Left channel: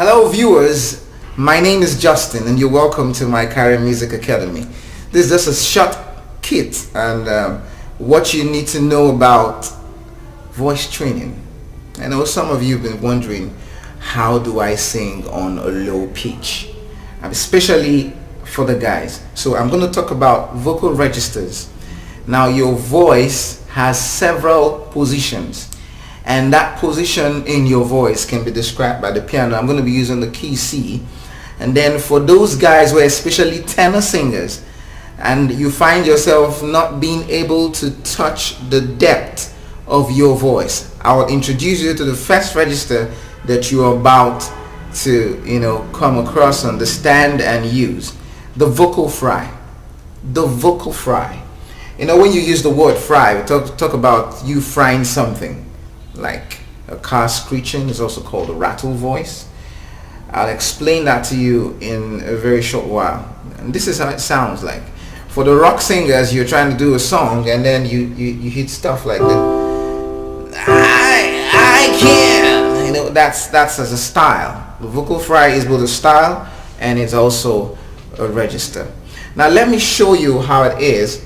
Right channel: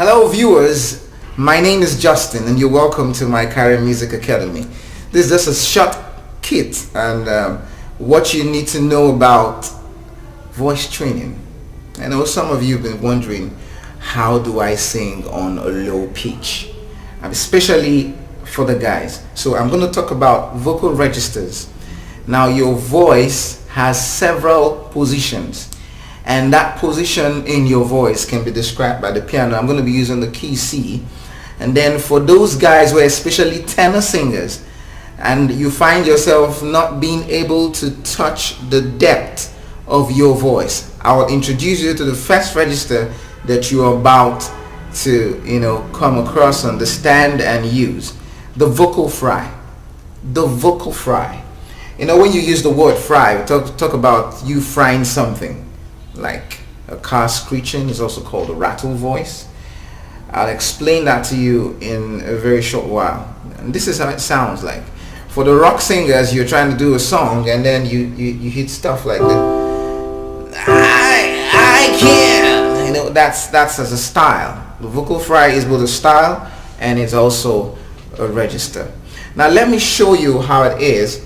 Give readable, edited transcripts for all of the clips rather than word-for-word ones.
Hello viewers, my name is Justin and you're welcome to my Mikary Music Academy. This is just a short kit and what you need to know about voice training. I know some of you have been wondering, how do I sing on a low pitch? Especially for the guys. So I'm going to talk about vocal registers. Now your voice has several positions, and that position in your voice can be described by the piano. I'm going to be using the key C. And then for those guys who are especially tenor singers and you find yourself not being able to touch the depth of your voice, I will introduce you to the first register that you're about to come across, understand and use. The vocal fry. The vocal fry. When you use the word fry, we talk about you frying something. Like a car screeching is also called a rattle voice. I'll explain that to you in a very short while. And this is how it sounds like. For the rock singers, you're trying to do a song and then you hit stuff like this. I can. That's as a style. The vocal fry is both a style and it's also a register. Now let me show you how it is.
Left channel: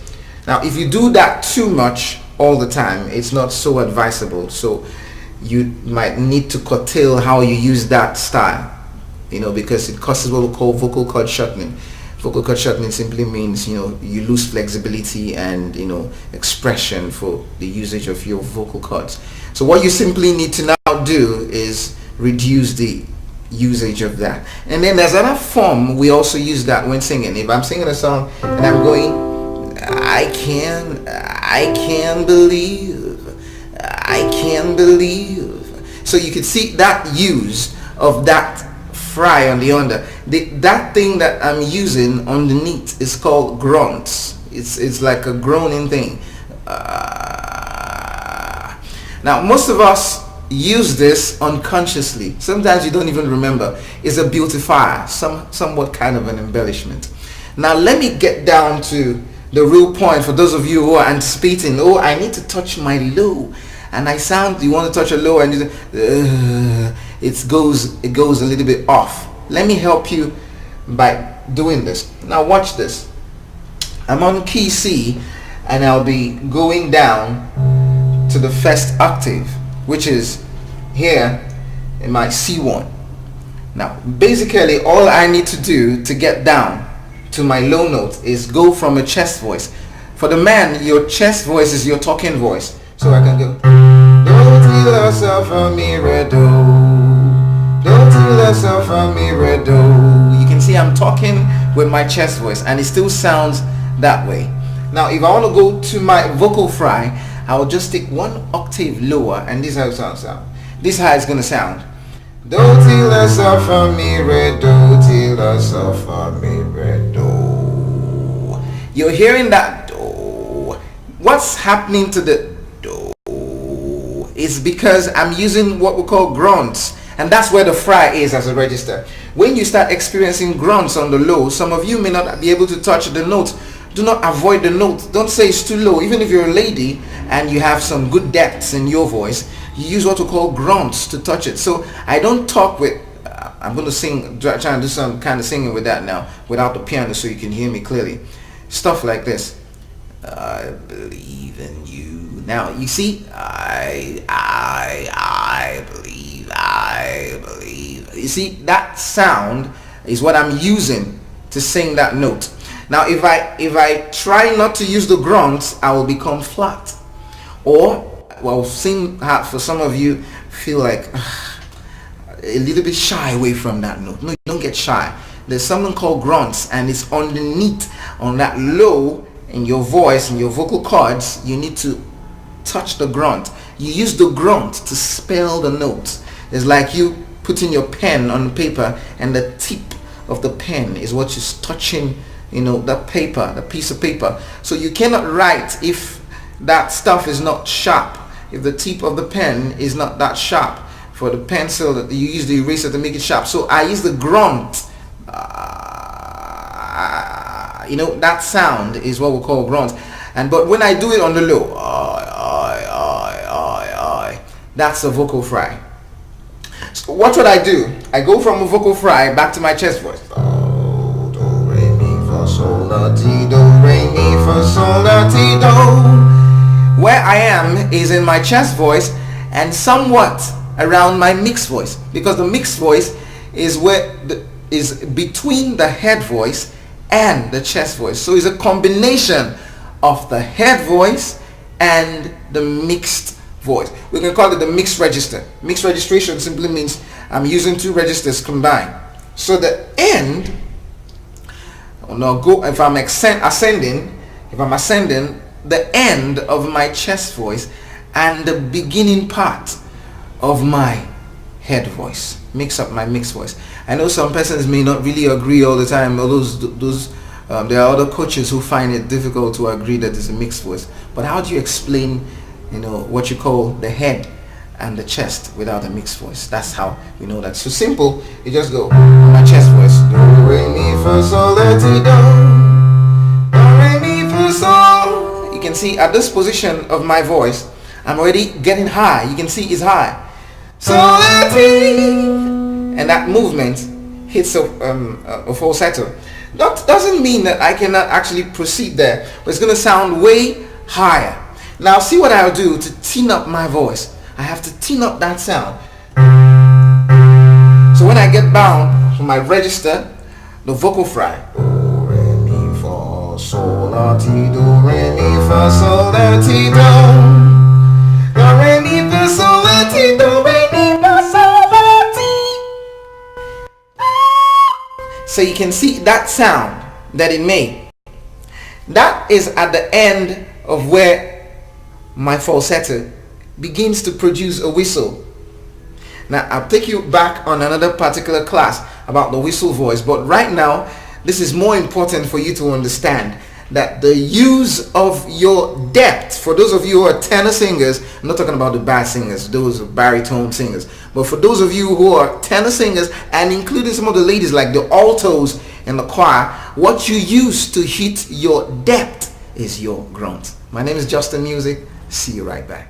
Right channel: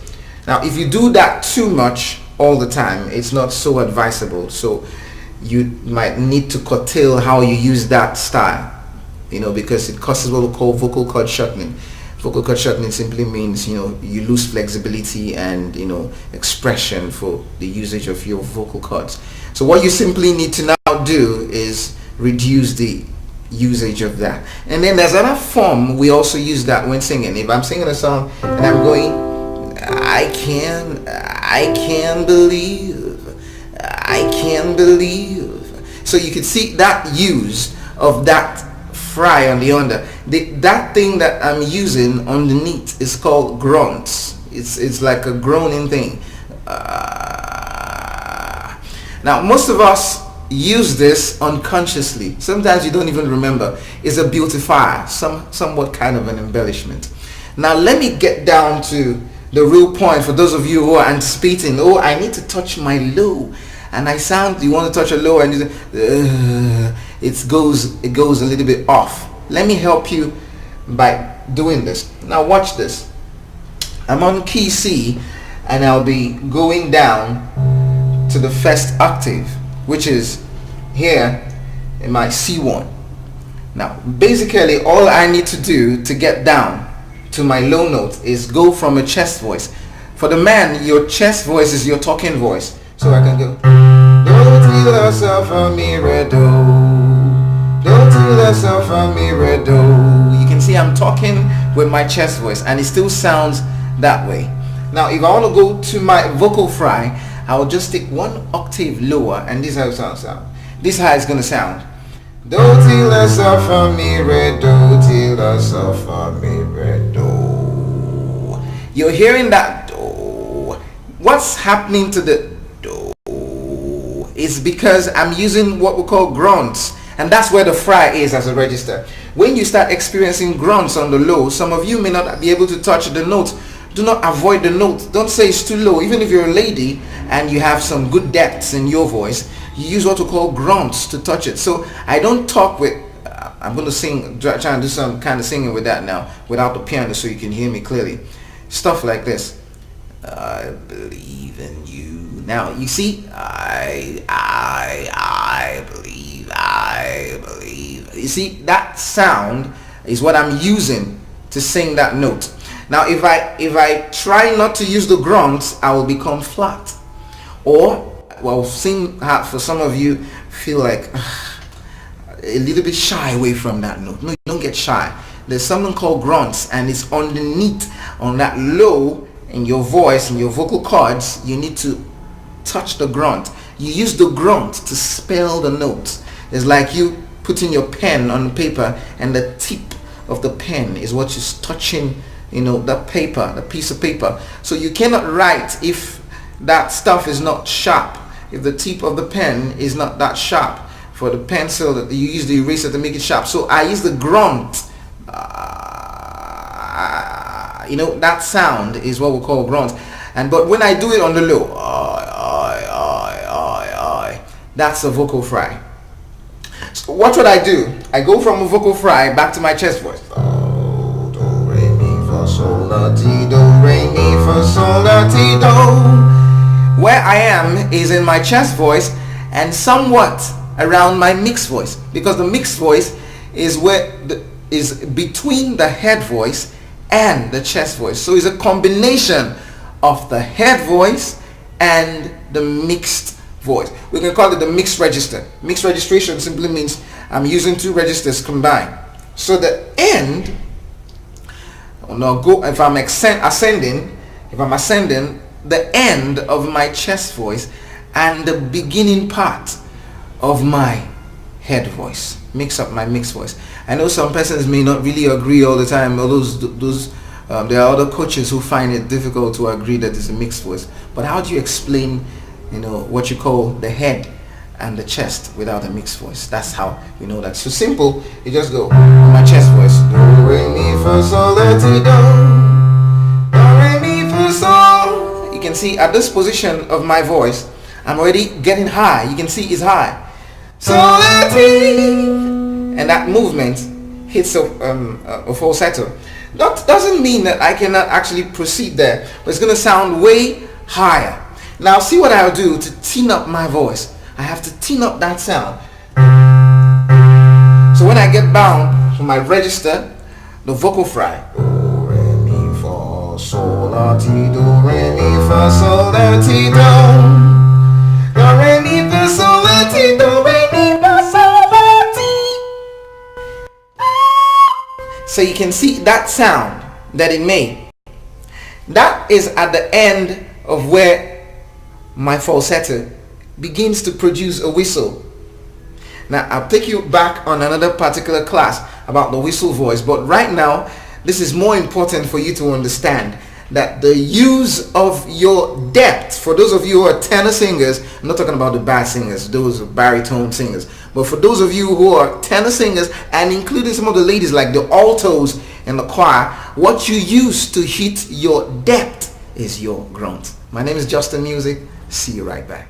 Now if you do that too much all the time, it's not so advisable. So you might need to curtail how you use that style, because it causes what we call vocal cord shortening. Vocal cord shortening simply means you lose flexibility and expression for the usage of your vocal cords. So what you simply need to now do is reduce the usage of that. And then there's another form we also use that when singing. If I'm singing a song and I'm going, I can believe. So you can see that use of that fry on the under. That thing that I'm using underneath is called grunts. It's like a groaning thing. Now most of us use this unconsciously. Sometimes you don't even remember. It's a beautifier, somewhat kind of an embellishment. Now let me get down to the real point for those of you who are anticipating, I need to touch my low, and you want to touch a low and it goes a little bit off. Let me help you by doing this. Now watch this. I'm on key C and I'll be going down to the first octave, which is here in my C1. Now basically all I need to do to get down to my low note is go from a chest voice. For the man, your chest voice is your talking voice. So I can go, don't you yourself on me, redo. Don't you yourself on me, redo. You can see I'm talking with my chest voice and it still sounds that way. Now if I want to go to my vocal fry, I will just take one octave lower, and this is how it sounds. This is how it's going to sound. Don't till yourself on me, redo. Till yourself on me, redo. You're hearing that do. What's happening to the do is because I'm using what we call grunts, and that's where the fry is as a register. When you start experiencing grunts on the low, some of you may not be able to touch the note. Do not avoid the note. Don't say it's too low. Even if you're a lady and you have some good depths in your voice, you use what we call grunts to touch it. So I don't talk with, I'm going to sing, try and do some kind of singing with that now, without the piano so you can hear me clearly. Stuff like this. I believe in you. Now, you see, I believe. You see, that sound is what I'm using to sing that note. Now, if I try not to use the grunts, I will become flat. Or, for some of you, feel like a little bit shy away from that note. No, you don't get shy. There's something called grunts, and it's underneath on that low in your voice and your vocal cords. You need to touch the grunt. You use the grunt to spell the note. It's like you putting your pen on the paper, and the tip of the pen is what is touching, that paper, the piece of paper. So you cannot write if that stuff is not sharp. If the tip of the pen is not that sharp, for the pencil that you use the eraser to make it sharp. So I use the grunt. That sound is what we call grunt. But when I do it on the low, that's a vocal fry. So what would I do? I go from a vocal fry back to my chest voice. Do, do, re, mi, fa, sol, la, ti, do, re, mi, fa, sol, la, ti, do. Where I am is in my chest voice and somewhat around my mixed voice, because the mixed voice is is between the head voice and the chest voice. So it's a combination of the head voice and the mixed voice. We can call it the mixed register. Mixed registration simply means I'm using two registers combined. So the end, if I'm ascending, the end of my chest voice and the beginning part of my head voice mix up my mixed voice. I know some persons may not really agree all the time. There are other coaches who find it difficult to agree that it's a mixed voice. But how do you explain, what you call the head and the chest without a mixed voice? That's how you know that. So simple. You just go my chest voice. Do, re, mi, fa, sol, la, ti, do. Do, re, mi, fa, sol. You can see at this position of my voice, I'm already getting high. You can see it's high. So la, ti. And that movement hits a falsetto. That doesn't mean that I cannot actually proceed there, but it's going to sound way higher. Now see what I'll do to tune up my voice. I have to tune up that sound. So when I get bound to my register, the vocal fry. Do, re, mi, fa, sol, la, ti, do, re, mi, fa, sol, la, ti, do. Do, re, mi, fa, sol, la, ti, do, re, mi, fa, sol, la, ti. So you can see that sound that it made. That is at the end of where my falsetto begins to produce a whistle. Now I'll take you back on another particular class about the whistle voice, but right now this is more important for you to understand that the use of your depth, for those of you who are tenor singers, I'm not talking about the bass singers, those are baritone singers, but for those of you who are tenor singers, and including some of the ladies like the altos in the choir, what you use to hit your depth is your grunt. My name is Justin Music. See you right back.